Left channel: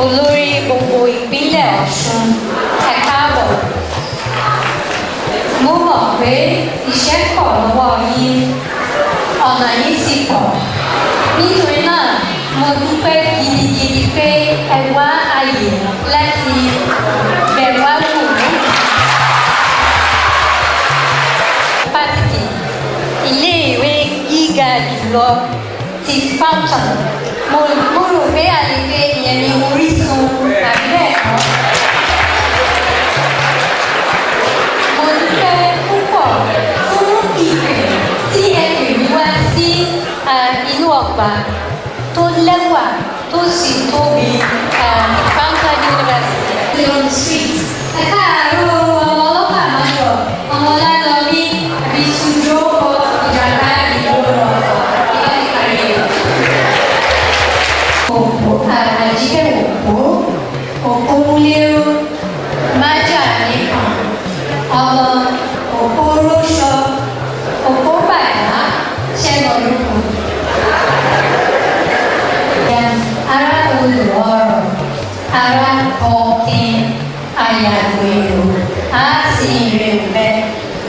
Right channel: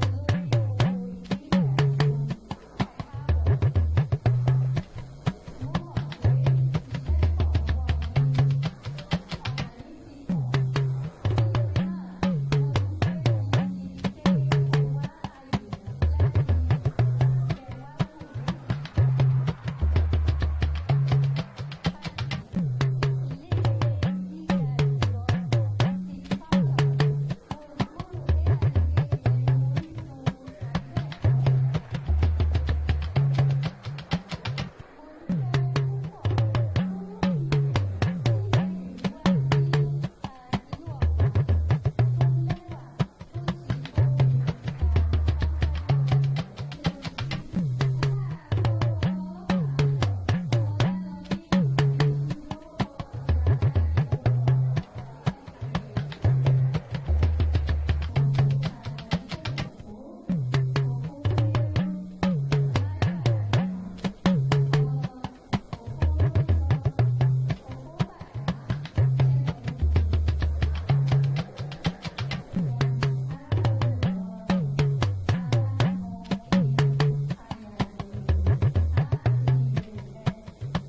Olórí gbogbo ìpínlẹ̀ Ọ̀ṣun, ẹ káàbọ̀. Mo mọ̀ pé iṣẹ́ pọ̀ lọ́wọ́ yín, ọ̀nà yín sì pọ̀. Nítorí náà, mo dúpẹ́ gidigidi pé ẹ wá àyè láti bẹ̀ wá wò mí. Fásitì, ilé-ìwé gíga jùlọ ti Fountain. Mo rò pé àlejò ìyẹn ni orísun àbí bẹ́ẹ̀ kọ́. Mo dúpẹ́ púpọ̀ fún ìpè tí ẹ pè mí wá sí inú ọgbà tó lẹ́wà tó sì tóbi Fountain University. On the street. Ẹ káàárọ̀ ọmọ ọlọ́pàá máa yọ ọmọ lálọ́rí àbí sùjọ́ ìjàmbá ìgbòho ìkàlẹ̀. Àjíkẹ́ òpó, òpó múlẹ́rú, májà nìkan, ọmọ òpó róṣọ, òpó bàtà, ṣẹ́nà lóko. Ará olùrọ̀rọ̀, ará ọ̀kìn, àyàgbèrò, á sì rè bẹ́,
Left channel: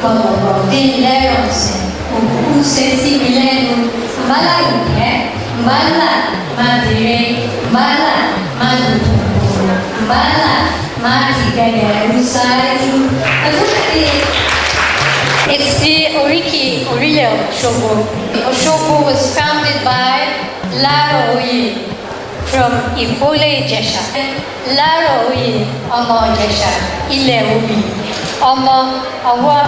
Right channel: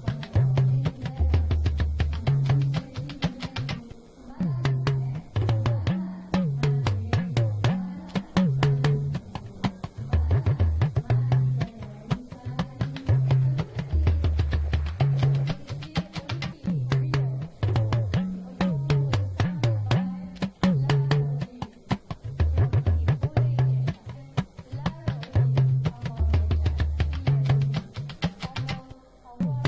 gbọ̀gbọ̀gbọ̀ dín lẹ́yọ̀sẹ̀, òkú ṣe síbi lẹ́nu, mbálà ìyẹ́, mbálà máa dèrè. Mbala madutuku, mbala matigẹgẹru ṣáájú. It's the Oriki Orile Osogbo. Osogbo was founded by Laro Oye from Ifole Ijesha. Laro Oye, ọmọ Ijesha, Ilẹ̀ Obi, ọmọ ọwọ́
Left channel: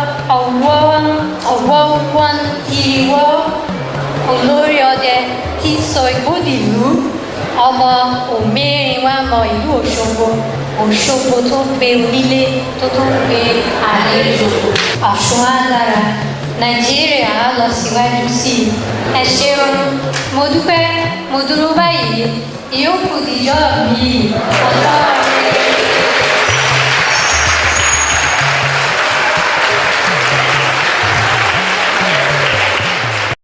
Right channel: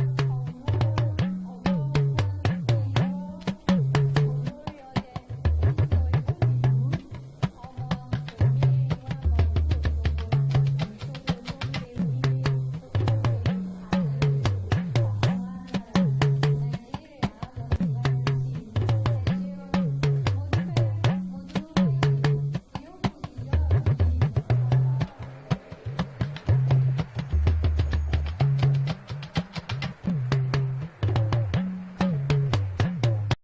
wọn ìwọ olórí ọdẹ tí sọ ìgbódìlú. Ọmọ òmìnirin wa mọ ìlú Òṣogbo, Òṣogbo tó ń pe onílé tó tó ń pe àlejò. Ọ̀ṣun á dára, Nàìjíríà á lọ síwájú sí i. Ẹ ṣeun, mo dúpẹ́, mo dúró báyìí, ìyókù dìjọ́ mi.